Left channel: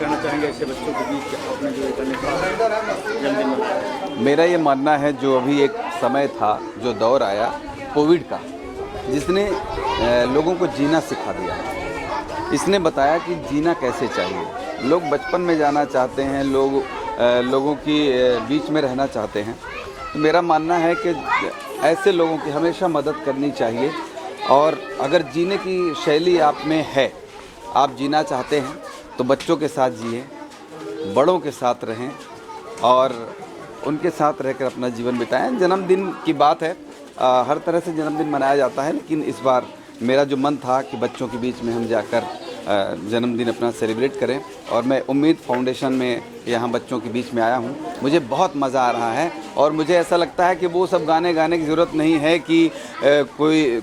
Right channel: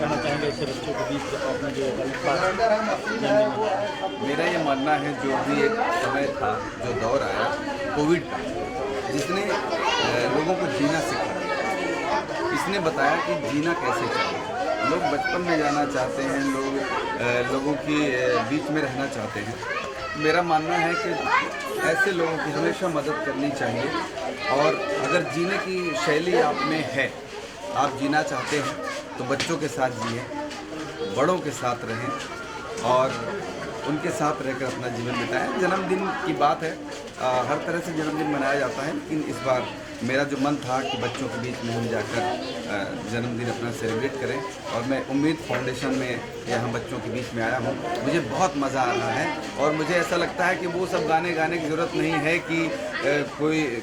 कहना चाहेंगे ऐसे बच्चों के बीच आपने जो जन्मदिन मनाया? मेरा ये मानना है, जो अभी एक समय था, जो दौर आया कोविड का, जिसने लोगों को जीना सिखा दिया। इसने बताया कि जीना कैसे चाहिए। लोग बचपन में जाना चाहते हैं, लोगों की बीच में रहना चाहते हैं। तो मेरा मानना है कि ऐसे लोगों की हमेशा मदद करनी चाहिए। और अगर जीने की शैली आप में है, आप जीना चाहते हैं, तो बच्चों के साथ जिए, बड़ों के साथ रहें और उनके साथ रहकर अपना जीवन बिताएं। जन्मदिन की बात है, हर तरह से जन्मदिन मनाया जाता है, लेकिन इस बार मेरा जो मन था कि बच्चों के बीच में हम जाकर जन्मदिन अपना सेलिब्रेट करें, और मैं उम्मीद फाउंडेशन में यहाँ बच्चों के बीच में आया हूँ। मुझे बहुत मज़ा आ रहा है और मुझे ऐसा लगता है कि वो सब गाने गाने की ज़रूरत नहीं है कि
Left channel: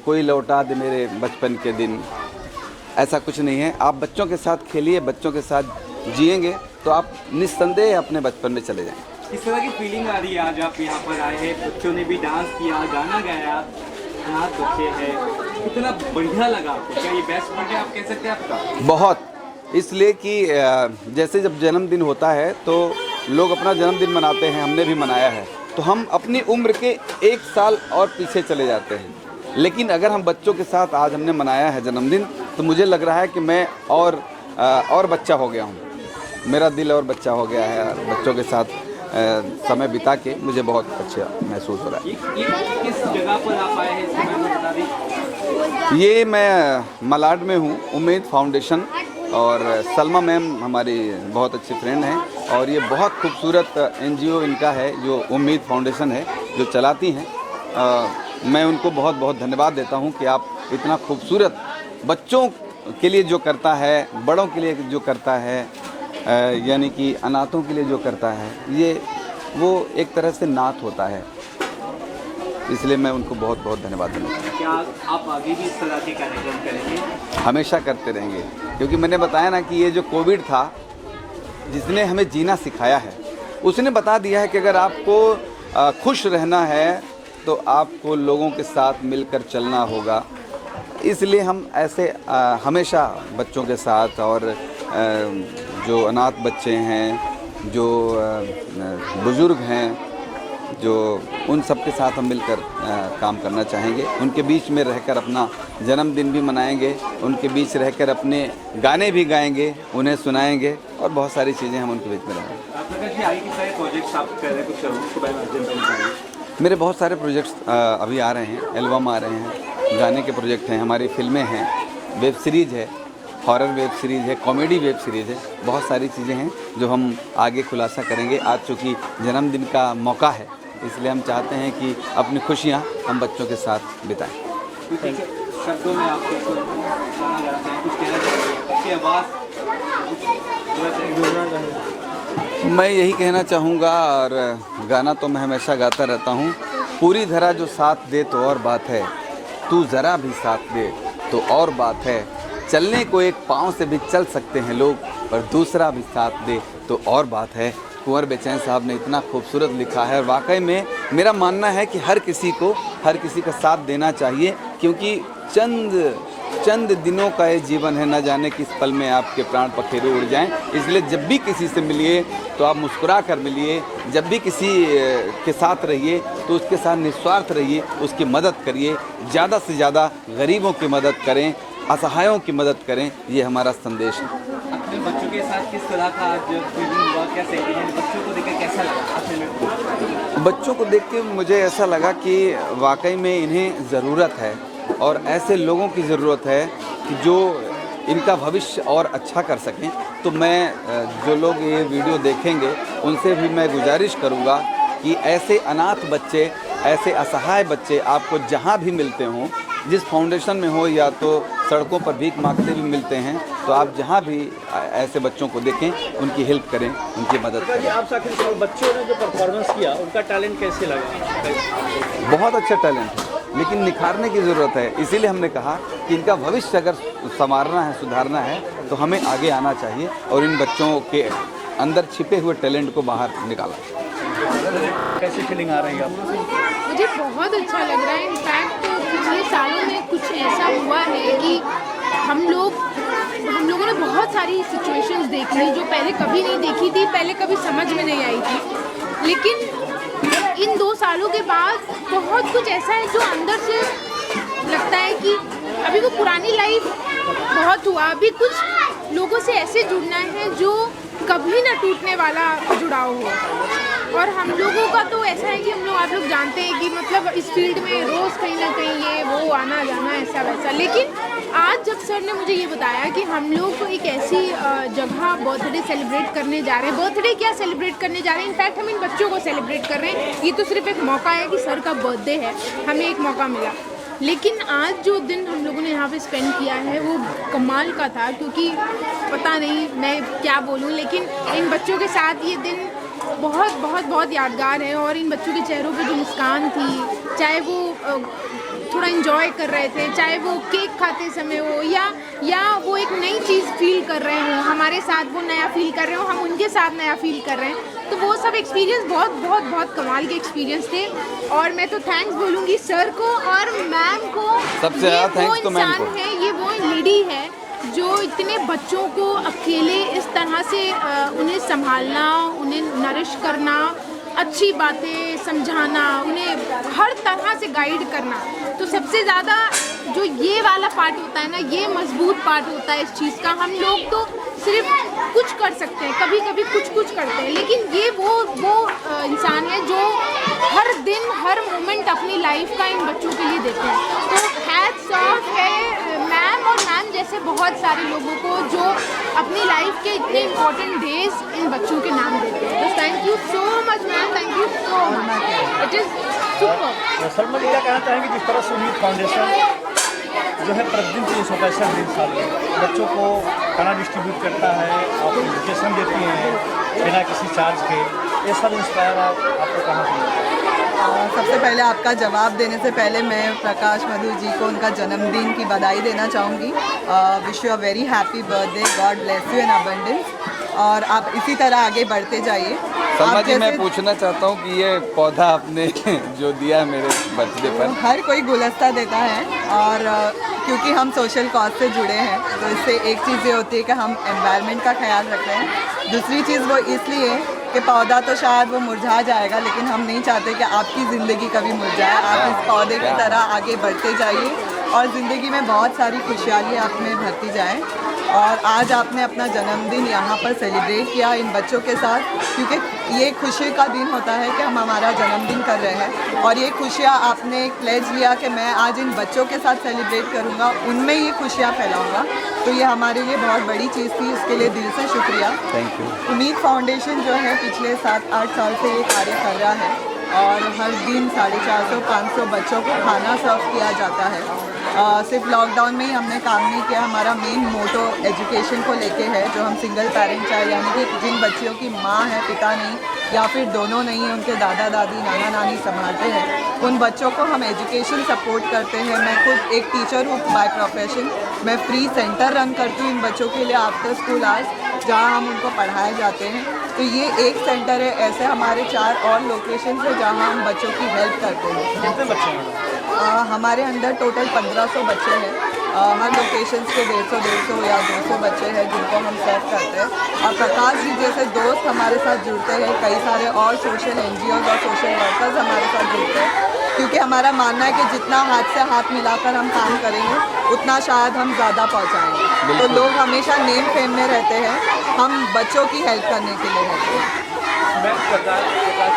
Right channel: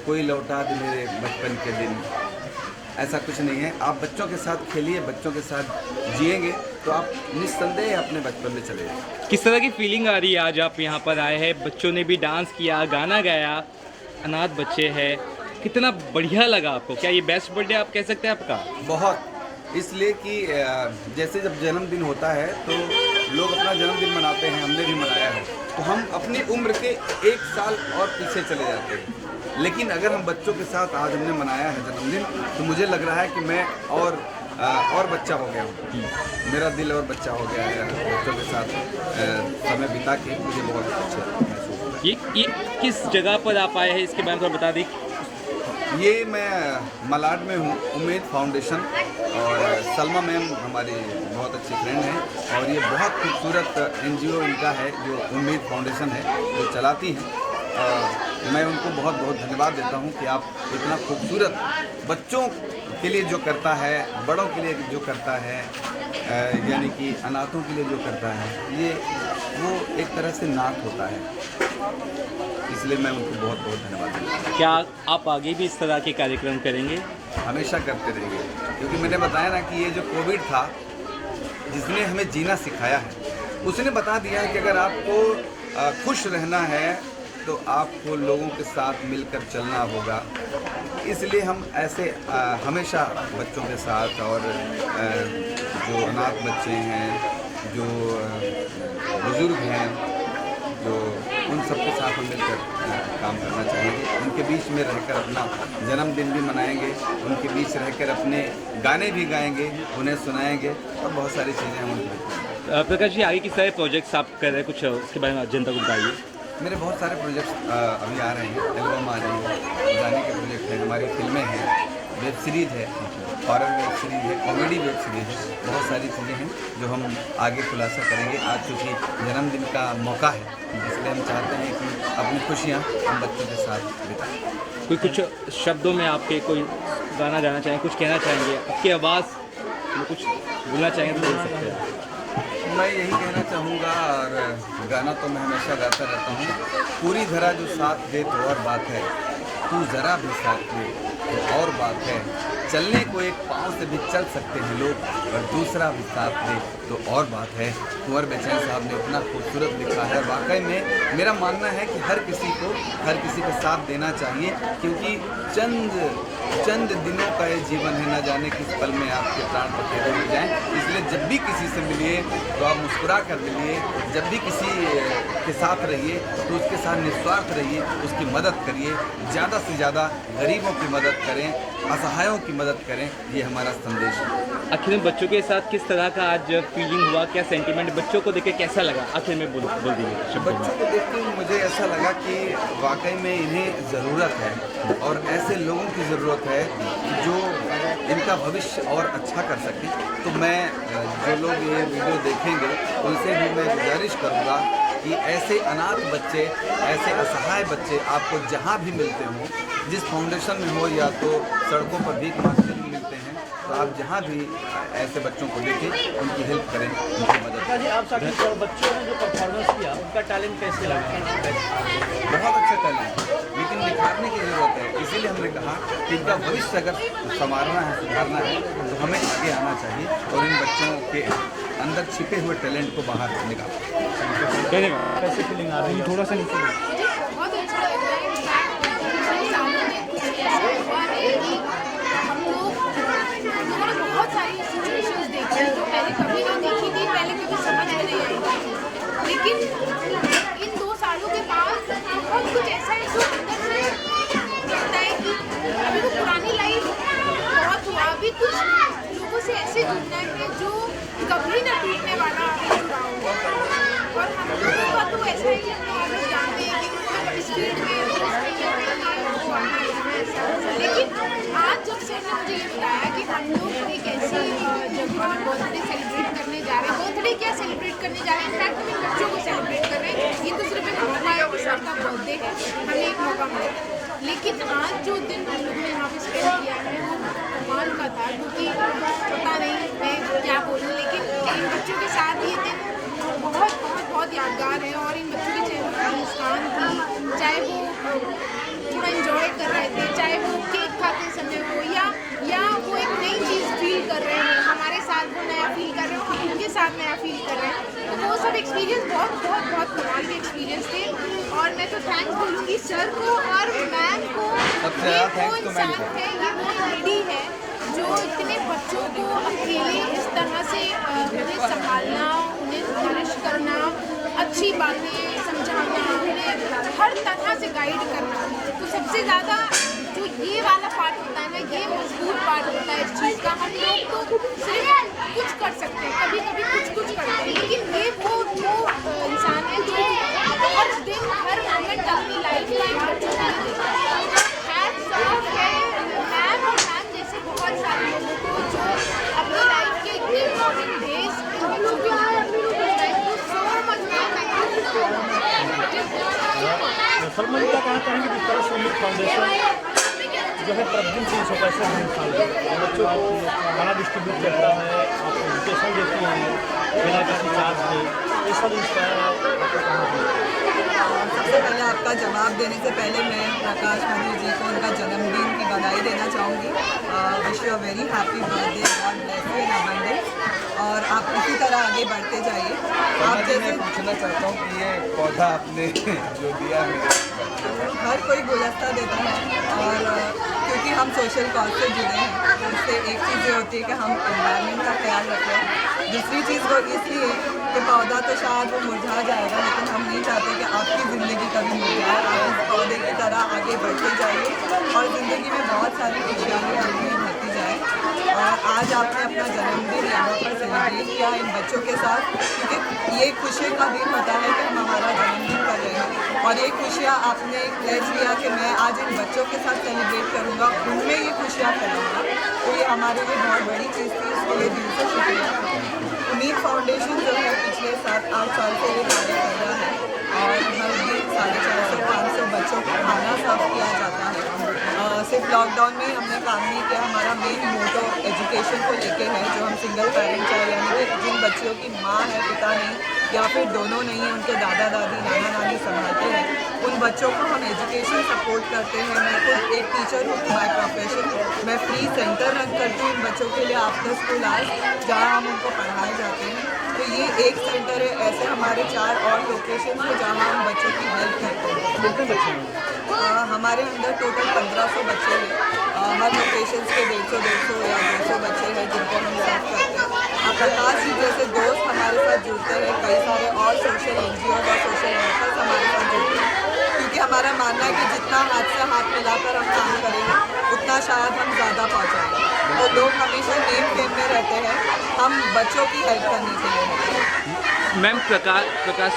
कोई लौटा दे मेरे बचपन के दिन। ऐसा कुछ नहीं है। आप बच्चों के साथ खेलिए, बच्चों के साथ जिएंगे तो आप निस्संदेह अपने बचपन में चले जाएंगे। किस तरह की फीलिंग आ रही है आज आप यहाँ पर आए हैं? बच्चों ने भी डांस किया, गाना गाया, अनाथ बच्चे हैं, कितना बढ़िया लगा आपको? क्या ये बेस्ट बर्थडे आप कह सकते हैं आपका? बहुत, इसलिए कि जैसे जब जन्मदिन होता है तो लोग अपना जन्मदिन मनाते हैं, हमने भी मनाया है, तो हम अपनी उम्र के 1 साल और पीछे चले जाते हैं। लेकिन अगर हम बच्चों के साथ आज हमने मनाया है जन्मदिन, तो मुझे लग रहा है कि मैं और बच्चा हो गया हूँ। मेरा दिल और बच्चा हो गया है। बच्चों के साथ समय बिता के मुझे बहुत अच्छा महसूस हो रहा है। ये किस जगह पर आप आए हैं, इसके बारे में बता दें। ये मैं मलाड में हूँ, उम्मीद फाउंडेशन, और सलमा मैम हमारी बहुत अच्छी फ्रेंड हैं, और ये बहुत खूबसूरत NGO इनका है जो उम्मीद फाउंडेशन है, जो चलाती हैं। मैं उनको बहुत बहुत धन्यवाद देता हूँ कि आप इतना खूबसूरत बच्चों के लिए जो करता है, बड़ों के लिए जो करता है, यानी कि अनाथों के लिए जो करता है, ये वो एक तरह से नाथ होता है। इसलिए मैं उनको बहुत बहुत धन्यवाद देता हूँ। क्या आप आगे भी इस तरह के कार्यक्रम करेंगे? हमेशा करते रहेंगे, क्योंकि मैंने बताया ना कि ये जो कोविड था, जिसने हमें जीना सिखाया है, उसने बता दिया है कि अगर आपको खुश रहना है तो आपको लोगों के साथ मिलकर चलना होगा। इसलिए हम ऐसे हमेशा बच्चों के साथ, और जो अनाथ बच्चे हैं, जो बुज़ुर्ग हैं, जो उन सब के साथ हम मिलकर काम करना चाहेंगे। उनके बीच में रहकर अपना जन्मदिन भी मनाएंगे, उनके बीच रहकर अपने गाने भी गाएंगे, उन्हें सुनाएंगे, और बहुत सारी चीज़ें हम उनके बीच में करेंगे। प्रकाश जी, आगे किस तरह प्रोजेक्ट्स आप कर रहे हैं, कुछ उसके बारे में जनता को बताइए। मेरे बहुत सारे प्रोजेक्ट्स अभी आ रहे हैं, एल्बम आ रहे हैं, गाने के प्रोजेक्ट हैं, हमारी फिल्में हैं, वेब सीरीज़ है, हॉरर वेब सीरीज़ है, कॉमेडी वेब सीरीज़ है। बहुत सारी चीज़ें हैं जो हम आगे खुलासा करेंगे। आज चूँकि जन्मदिन का मौका है, इसलिए हम चाहते हैं कि अपनी खुशियाँ हम बच्चों के साथ बिताएं। कोई कुछ शब्दों में आपके कोई गाना गाना चाहेंगे, कुछ कहना चाहेंगे, आपकी आवाज़ कुछ बोलना चाहेंगे? मैं यही कहना चाहूँगा, और गाना तो मैं हमेशा गाता रहता हूँ। पूरी धरा जो साथ दे तो और बात है, तू ज़रा भी साथ दे तो और बात है। चलने को एक पाँव से भी चल सकते हैं लोग, और दूसरा भी साथ दे तो और बात है। कुंवर बेचैन साहब ने इतना खूबसूरत लिखा है, और वाकई में मेरा मानना है कि हर किसी का साथ देना चाहिए, क्योंकि चंद दिनों का ये जीवन है, न जाने किस पल में आपके प्राण पखेरु उड़ जाएं। इसलिए जब भी किसी से मिलिए तो आप मुस्कुरा कर मिलिए, जब भी किसी के साथ रहिए तो उसके साथ निस्वार्थ रहिए, उसकी मदद करिए, ज़्यादा से ज़्यादा गरीबों की मदद करें, असहायों की मदद करें। ये हमारा संदेश है। आखिर में बच्चों के साथ किस तरह का आज फीलिंग हुआ, क्या सेंटिमेंट, बच्चों को देखकर कैसा लगा? आखिर में बच्चों को देख के मुझे ऐसा लगा कि वाकई में इन्हें ज़रूरत है, और ऐसे लोगों की ज़रूरत है जो इनका भविष्य और अच्छा कर सकें। तो मैं जो लोग ये वीडियो देखेंगे उनसे भी मैं गुजारिश करूँगा कि ऐसे अनाथ बच्चे, ऐसे असहाय बच्चे आपको जहाँ भी मिलते हों, जिस फाउंडेशन में हो या तो सड़कों पर भीख मांगते भी मिलते हैं, तो आप जहाँ भी ऐसे बच्चों को देखें, उनकी हेल्प करें, उनकी मदद करें। जी, आप आखिर बच्चों ने जो परफॉर्मेंस किया, उनका टैलेंट कैसे लगा? बहुत अच्छा टैलेंट है, लेकिन निखारने की ज़रूरत है। इसीलिए हमने कहा कि इनका भविष्य अगर संवारना है, सुधारना है, तो हमें आगे आना चाहिए और इन बच्चों के अंदर छिपे हुए टैलेंट को बाहर निकाला। कैसी फीलिंग आ रही है? मुझे बहुत अच्छा लग रहा है। इनफैक्ट हमारे सालों में कुछ ऐसा हुआ है कि हम लोगों ने बहुत सारी सिचुएशंस देखी हैं जो पहले कभी नहीं देखी थी, पहले कभी समझ में नहीं आई थी। लेकिन इन 2 सालों के बाद बहुत कुछ ऐसा है जो अंदर से लगता है कि अभी वो पुरानी लाइफ बहुत हुआ, अभी कुछ लोगों से ऐसे जुड़ना है जो कभी ना टूटने वाला जुड़ाव हो। और हम लोगों का तो ऐसा है कि आप लोग जानते हैं कि मतलब इस फील्ड में रोज़ कहीं ना कहीं ये वो आना जाना ऐसा वैसा। लेकिन आज जब सर ने मुझे ये बताया कि हम लोग एक ऐसी जगह बर्थडे सेलिब्रेट करने जा रहे हैं, बर्थडे क्या सेलिब्रेट करने जा रहे हैं, इनफैक्ट हम इन बच्चों को सेलिब्रेट कर रहे हैं। ये तो सिर्फ एक मौका है कि सर का बर्थडे है, हमें एक मौका मिला। लेकिन आज जो दिन हम लोगों ने यहाँ पे स्पेंड किया है वो कमाल का था, क्योंकि पता नहीं मैं क्या बोलूँ, लेकिन इन बच्चों के साथ ये दिन बहुत बहुत बहुत यादगार है। और इन बच्चों के चेहरों पे जो मुस्कान थी, चाहे वो थोड़ा एंजॉय कर रहे थे, चाहे वो केक खाते समय हो या वो एक नई चीज़ फील कर रहे हो, हमारे साथ वो नया फील कर रहे हो, हम उनके साथ नया फील कर रहे हैं, तो वो सब एक्सपीरियंस बहुत बहुत बहुत कमाल के एक्सपीरियंस थे। और मैं तो थैंक्स बोलूँगी सर को और मैम को। सबसे ज़्यादा थैंक्स तो मैम इंसान है, ये वो लेडी है जो इतने बच्चों को अकेले इस तरह से उन्हें संभालना, उन्हें नरिश करना, अच्छी बातें समझाना, उन्हें हर तरह से गाइड करना। तो सबसे ज़्यादा जो ये वाला पार्ट होता है ना, ये मजबूत पार्ट होता है इस चीज़ का। हम लोग तो सिर्फ कुछ कर सकते हैं, कभी कभी कुछ करते हैं, लेकिन ये वो इंसान है जो हर दिन हर मोमेंट अपनी लाइफ का इन बच्चों के लिए देते हैं। तो हैट्स ऑफ है मैम और मैम जैसे बहुत सारे लोगों को जो अपनी लाइफ के इतने इम्पोर्टेंट डेज इन बच्चों के नाम देते हैं। तो thank you so much ma'am, thank you so much, it is super. Salma ji क्या कहना चाहेंगे, जिस तरह से उम्मीद फाउंडेशन जो है प्रतिदिन 365 दिन साल में बच्चों को खाना डिस्ट्रीब्यूट करता है, आप एजुकेशन देती हैं बिना किसी चार्ज के, ये सब इंस्पायर आपको कहाँ दिया? सबसे पहले आपका जवाब देने से पहले मैं प्रकाश मधु जी को उनका जन्मदिन की बधाई देना चाहूँगी। Wish you a very happy birthday, God bless you in abundance, और आप इसी तरह आगे बढ़ते जाइए। सलमा जी, मैं पूछना चाहता हूँ कि ये पौधा आपने जो दिया है मेरे बर्थडे पर, हर कोई गुलदस्ता देता है, और क्योंकि हम सोशल कॉज से जुड़े हैं तो इससे एक चीज़ ये होती है कि हम एनवायरनमेंट का ख्याल रखते हैं। दूसरी चीज़ वो इसलिए कि पौधा तो शायद वो मुरझा जाएगा, लेकिन हम नहीं चाहते कि आपकी ज़िंदगी कभी मुरझाए। आप इस पौधे की तरह आगे बढ़ते जाइए और ज़िंदगी में बहुत सारी खुशहाली आप में भरती जाए। और आज आपने अपना जन्मदिन यहाँ पर सेलिब्रेट किया इन बच्चों के साथ, क्योंकि ये खुशी का दिन होता है कि हम हमारा जन्मदिन कर रहे हैं, और ये खुशियाँ आपने प्लेज लिया कि मैं आज इन बच्चों के साथ सेलिब्रेट करूँगा, उनमें ये खुशियाँ फैलाऊँगा। तो ये हमारे लिए बहुत बड़ी चीज़ थी, उसके लिए दिल से शुक्रिया। उम्मीद फाउंडेशन जो है पिछले 7-8 साल से ये कार्य कर रहा है, और हर दिन 450-500 बच्चों को खाना सर्व किया जाता है। सिर्फ लॉकडाउन में ही हमने काम नहीं किया, हमारा मेन मोटो एजुकेशन को लेके है, जो हम सिंगल पेरेंट चाहे, यानी कि जिन बच्चियों की माँ है पिता नहीं, या फिर दोनों नहीं है, उनके दादा दादी नाना नानी संभालते हैं, उन बच्चों को हम एजुकेशन सपोर्ट करते हैं। मैं खुद एक टीचर हूँ बाय प्रोफेशन, मैं फ्री सेंटर रन करती हूँ इन बच्चों के लिए आफ्टर स्कूल आवर्स, जहाँ हम उनको पढ़ाए जाते हैं। तो ये एक सेंटर है, ऐसे हमारे 4 और लोकेशन है जहाँ हम बच्चों की हेल्प करते हैं। कितने बच्चे हैं? हमारे अंदर टोटल 1500 बच्चे हैं, हर लोकेशन के 150 या 200 बच्चे हैं जिनको हम सर्व करते हैं। और प्रकाश जी जैसे दोस्त हमारे साथ जुड़ते हैं, कई सारे और सोशल NGO और सोशल वर्कर्स हमारे साथ जुड़ते हैं, क्योंकि हमारा मानना है कि जितना हाथ से हाथ मिलाकर हम काम करेंगे उतना शायद हम ज़्यादा पहुँचाएँगे। तो लोग हमेशा नेम फेम में रहते हैं, हम बच्चों की हेल्प करने के लिए रहते हैं। मैम प्रकाश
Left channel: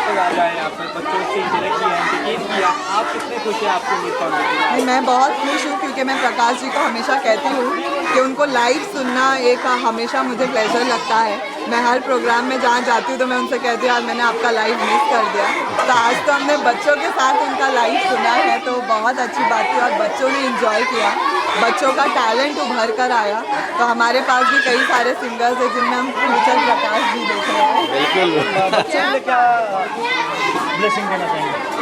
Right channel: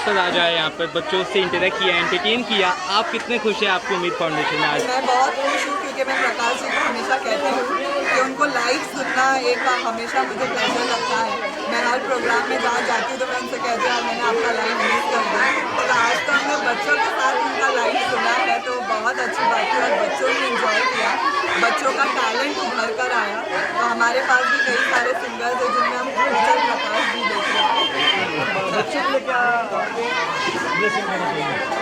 सर आ जाए यहाँ पर, बच्चों से इंटरेक्ट किया, एंटरटेन किया, आप कितने खुश हैं आपकी उम्मीद फाउंडेशन में आज? मैं बहुत खुश हूँ, क्योंकि मैं प्रकाश जी को हमेशा कहती हूँ कि उनको लाइव सुनना एक हमेशा मुझे प्लेजर लगता है। मैं हर प्रोग्राम में जहाँ जाती हूँ तो मैं उनसे कहती हूँ आज मैंने आपका लाइव मिस कर दिया, तो आज तो हमने बच्चों के साथ उनका लाइव सुना है, तो बहुत अच्छी बात थी और बच्चों ने इंजॉय किया, बच्चों का टैलेंट उभर कर आया। तो हमारे पास भी कई सारे सिंगर्स हैं जिनमें हम फ्यूचर प्रकाश जी देख रहे हैं। बच्चों के लिए क्या ब्लेसिंग देना चाहिए?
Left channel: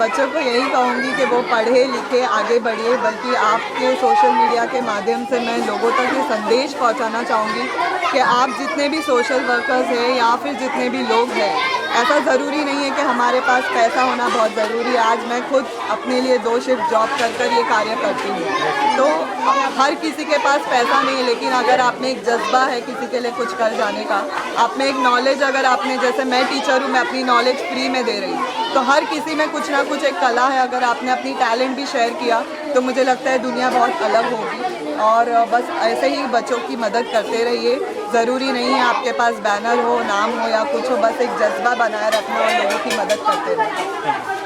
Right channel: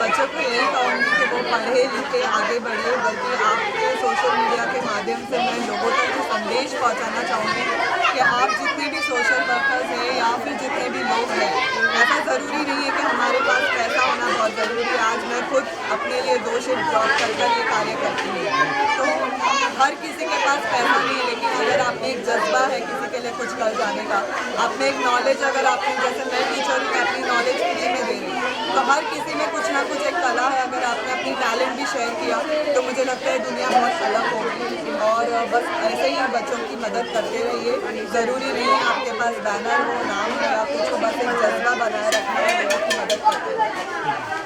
बच्चों को यही कहूँगी कि वो पढ़े लिखे आगे बढ़े, बल्कि आपके सोशल मीडिया के माध्यम से मैं लोगों तक ये संदेश पहुँचाना चाहूँगी कि आप जितने भी सोशल वर्कर्स हैं या फिर जितने भी लोग हैं, ऐसा ज़रूरी नहीं है कि हमारे पास पैसा होना बहुत ज़रूरी है। आज मैं खुद अपने लिए 2 शिफ्ट जॉब कर ये कार्य करती हूँ, तो हर किसी के पास पैसा नहीं है, लेकिन अगर आप में एक जज्बा है किसी के लिए कुछ कर जाने का, आप में एक नॉलेज, अगर आपने, जैसे मैं टीचर हूँ, मैं अपनी नॉलेज फ्री में दे रही हूँ, तो हर किसी में कुछ ना कुछ एक कला है। अगर आपने अपनी टैलेंट भी शेयर किया तो मुझे लगता है दुनिया बहुत अलग होगी। और बस ऐसे ही बच्चों की मदद करते रहिए। ज़रूरी नहीं है आपके पास बैनर हो, नाम हो या कुछ हो, बस एक जज्बा बनाए रखना और लोगों की मदद करते रहिए।